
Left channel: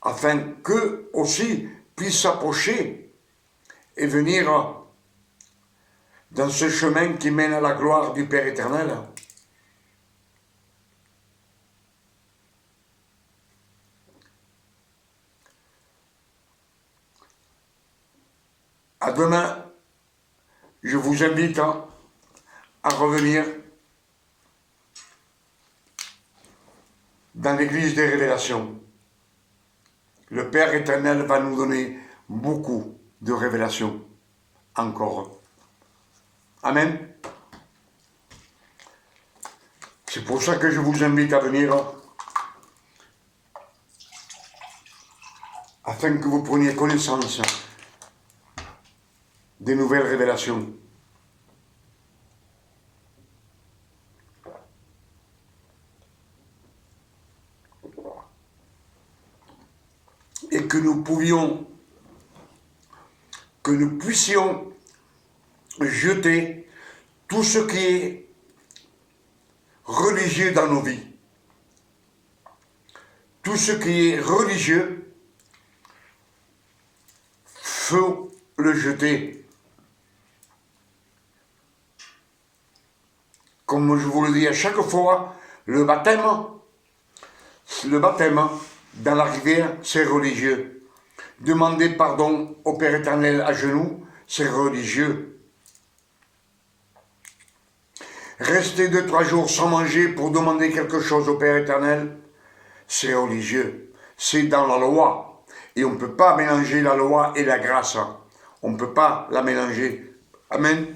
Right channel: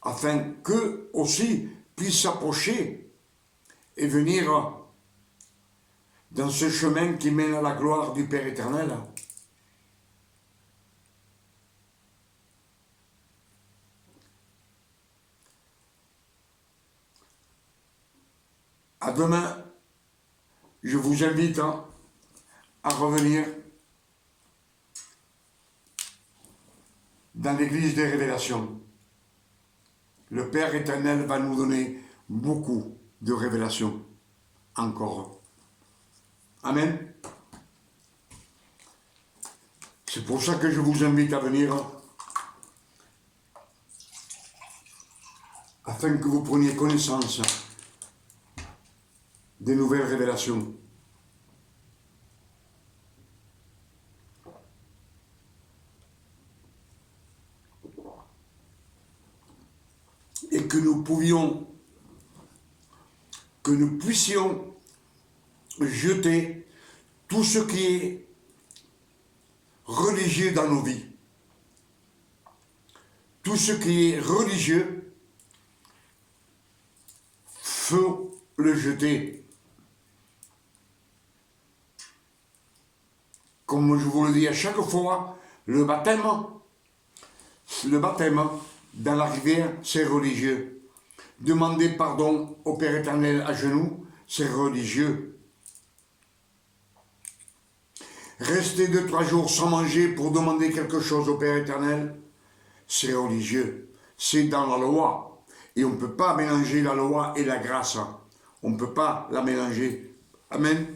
afin qu'eux aussi puissent s'approcher et venir dans ce chemin qui mène à la gloire du Père éternel. À demain, je vous invite à revenir dans l'église des révélations. Le Père éternel va nous donner beaucoup de révélations encore. Amen. C'est pour ça que je vous invite à venir, afin que vous preniez connaissance des nouvelles révélations. Et que nous puissions jeter tout ce qui est religieux dans nos vies. Tout ce qui est religieux, faut le jeter. Comme je vous le dis à chaque fois, le baptême dans la rivière, c'est religieux. Demander pardon au Père éternel à genoux, c'est religieux. Rester 2-3 jours sans manger pour demander quelque chose au Père éternel, c'est religieux. C'est dans la loi. Et on ne peut pas mélanger la loi et la grâce. On ne peut pas la mélanger. Amen.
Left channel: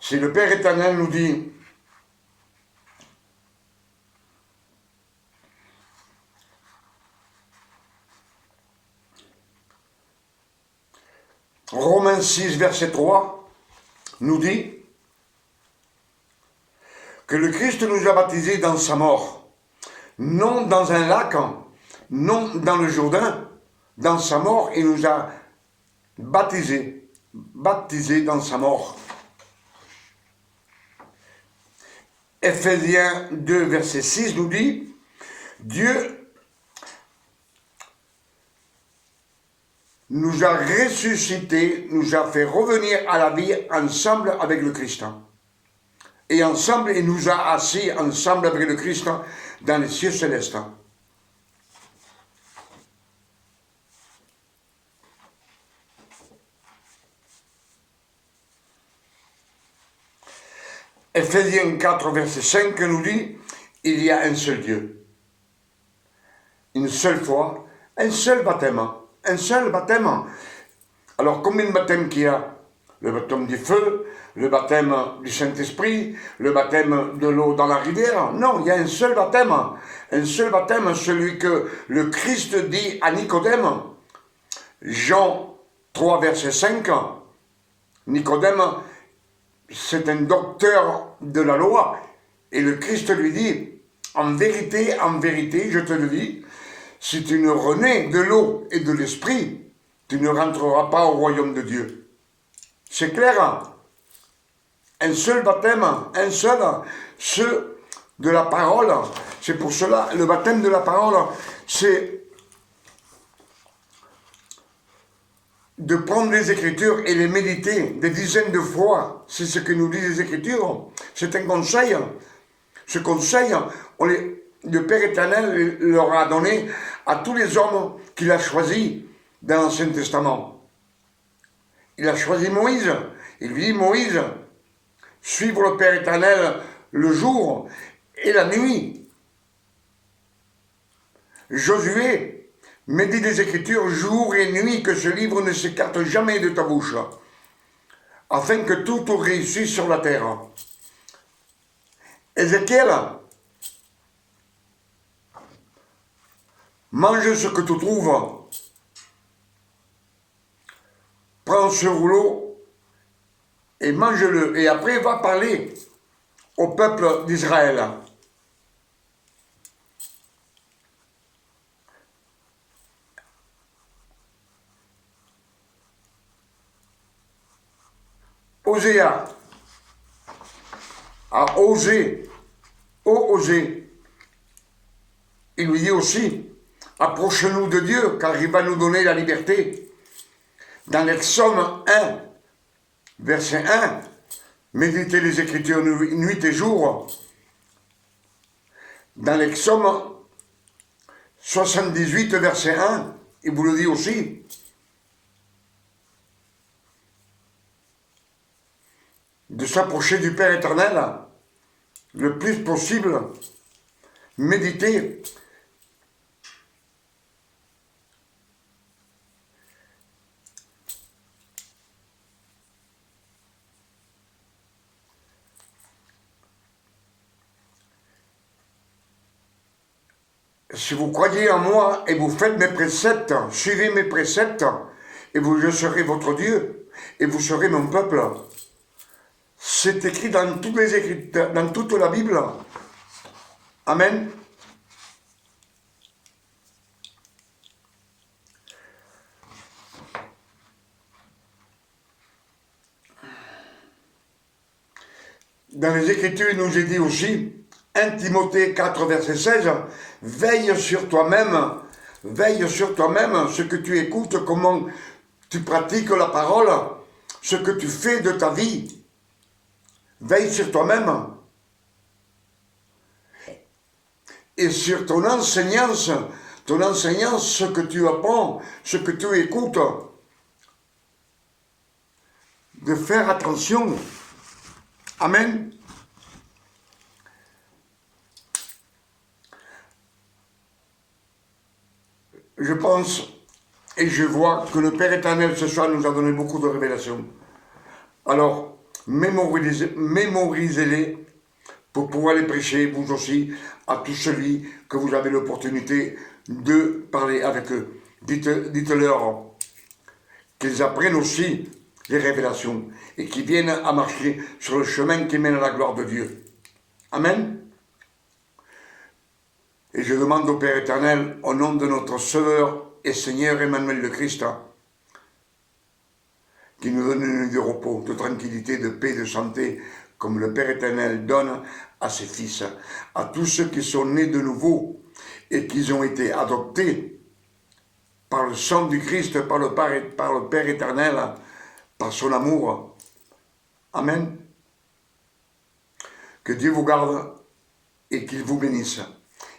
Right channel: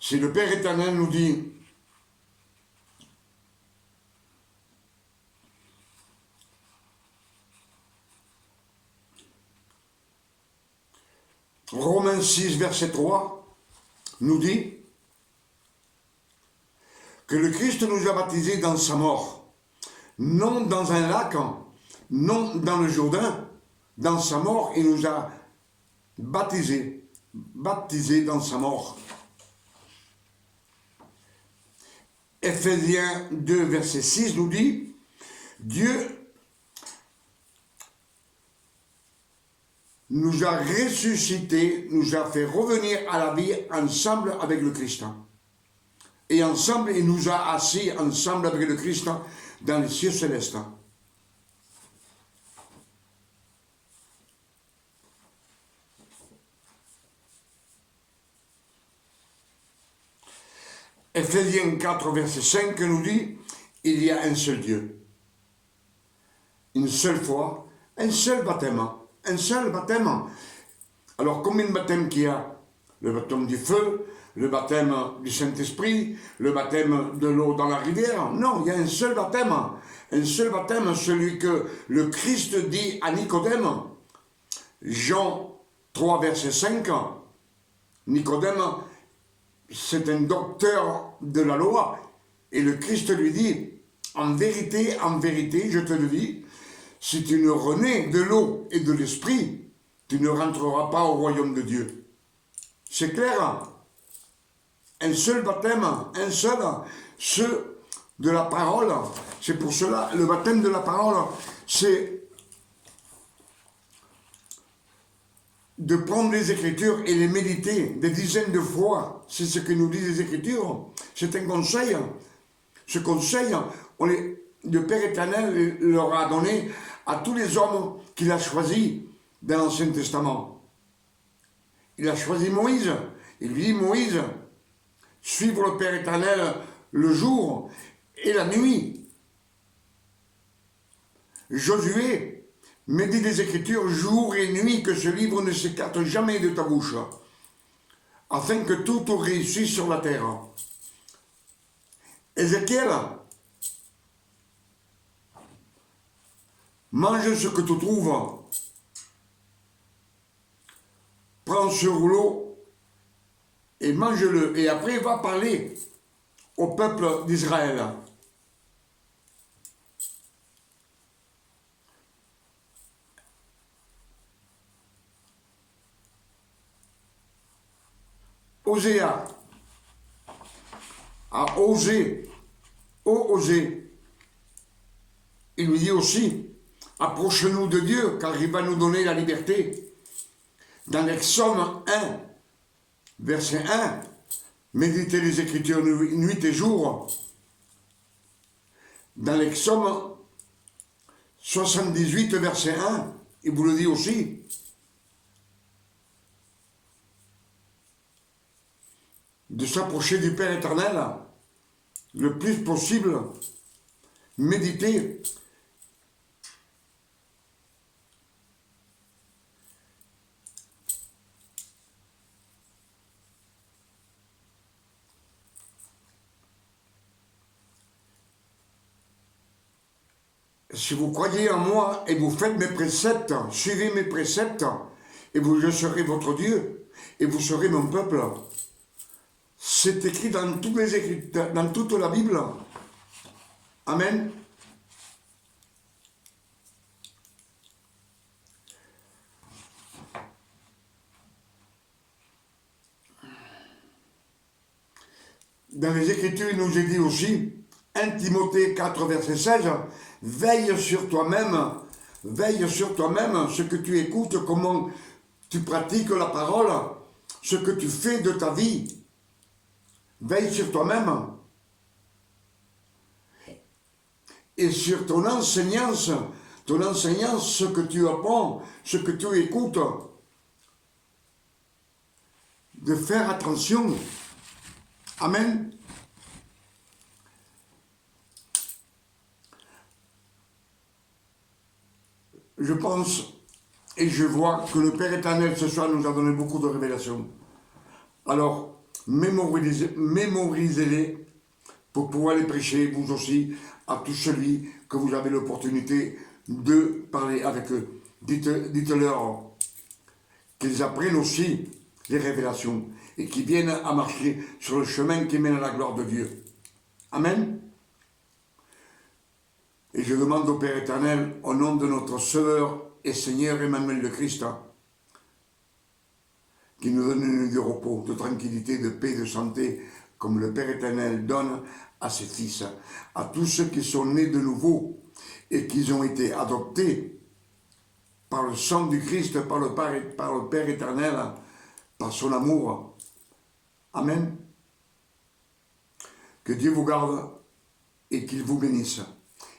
Si le Père éternel nous dit, Romains 6, verset 3, nous dit que le Christ nous a baptisés dans sa mort, non dans un lac, non dans le Jourdain, dans sa mort, il nous a baptisés dans sa mort. Ephésiens 2, verset 6 nous dit, Dieu nous a ressuscités, nous a fait revenir à la vie ensemble avec le Christ. Et ensemble, il nous a assis ensemble avec le Christ dans les cieux célestes. Ephésiens 4, verset 5 nous dit, il y a un seul Dieu, une seule foi, un seul baptême, un seul baptême. Alors combien de baptêmes qu'il y a? Le baptême du feu, le baptême du Saint-Esprit, le baptême de l'eau dans la rivière. Non, il y a un seul baptême, celui que le Christ dit à Nicodème. Jean 3, verset 5, Nicodème, c'est un docteur de la loi. Et le Christ lui dit, en vérité, je te le dis, si tu ne renais de l'eau et de l'esprit, tu ne rentreras pas au royaume de Dieu. C'est clair, hein? Un seul baptême, un seul, ceux de la parole. C'est pour cela, le baptême de la parole, c'est de prendre les Écritures et les méditer des dizaines de fois. C'est ce que nous disent les Écritures. C'est un conseil. Ce conseil, le Père éternel leur a donné à tous les hommes qu'il a choisis dans l'Ancien Testament. Il a choisi Moïse. Il lui dit, Moïse, suivre le Père éternel le jour et la nuit. Josué, médite les Écritures jour et nuit, que ce livre ne s'écarte jamais de ta bouche, afin que tout te réussisse sur la terre. Ézéchiel, mange ce que tu trouves. Prends ce rouleau et mange-le. Et après, va parler au peuple d'Israël. Oséa a osé, il lui dit aussi, approche-nous de Dieu, car il va nous donner la liberté. Dans l'Exode 1, verset 1, méditez les Écritures nuit et jour. Dans l'Exode 78, verset 1, il vous le dit aussi. De s'approcher du Père éternel le plus possible, méditer. Si vous croyez en moi et vous faites mes préceptes, suivez mes préceptes, et je serai votre Dieu, et vous serez mon peuple. C'est écrit dans dans toute la Bible. Amen. Dans les Écritures, il nous est dit aussi, 1 Timothée 4, verset 16, veille sur toi-même, ce que tu écoutes, comment tu pratiques la parole, ce que tu fais de ta vie. Veille sur toi-même. Et sur ton enseignance, ce que tu apprends, ce que tu écoutes. de faire attention. Amen. Je pense et je vois que le Père éternel ce soir nous a donné beaucoup de révélations. Alors, mémorisez-les pour pouvoir les prêcher, vous aussi, à tous celui que vous avez l'opportunité de parler avec eux. Dites-leur qu'ils apprennent aussi les révélations et qu'ils viennent à marcher sur le chemin qui mène à la gloire de Dieu. Amen. Et je demande au Père éternel, au nom de notre Sauveur et Seigneur Emmanuel le Christ, qui nous donne une nuit de repos, de tranquillité, de paix, de santé, comme le Père éternel donne à ses fils, à tous ceux qui sont nés de nouveau et qui ont été adoptés par le sang du Christ, par le Père éternel, par son amour. Amen. Que Dieu vous garde et qu'il vous bénisse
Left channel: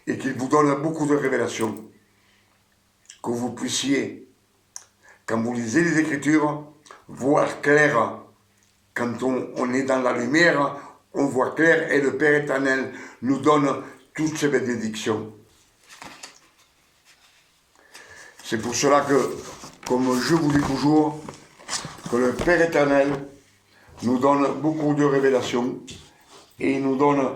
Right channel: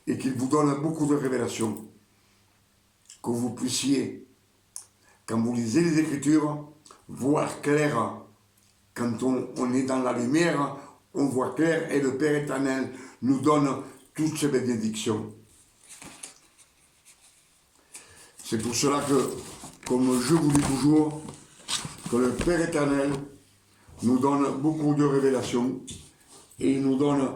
et qu'il vous donne beaucoup de révélations. Que vous puissiez, quand vous lisez les Écritures, voir clair. Quand on est dans la lumière, on voit clair et le Père éternel nous donne toutes ces bénédictions. C'est pour cela que, comme je vous dis toujours, que le Père éternel nous donne beaucoup de révélations et il nous donne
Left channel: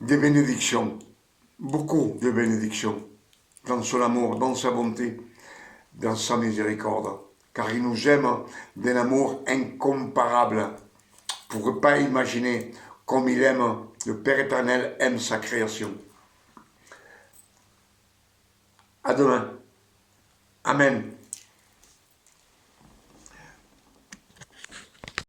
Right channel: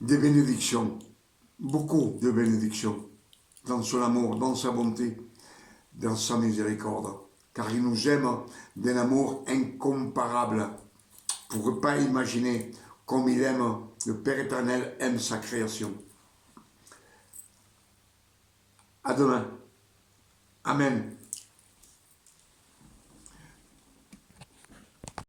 des bénédictions, beaucoup de bénédictions, dans son amour, dans sa bonté, dans sa miséricorde, car il nous aime d'un amour incomparable. Vous ne pourrez pas imaginer comme il aime, le Père éternel aime sa création. À demain. Amen.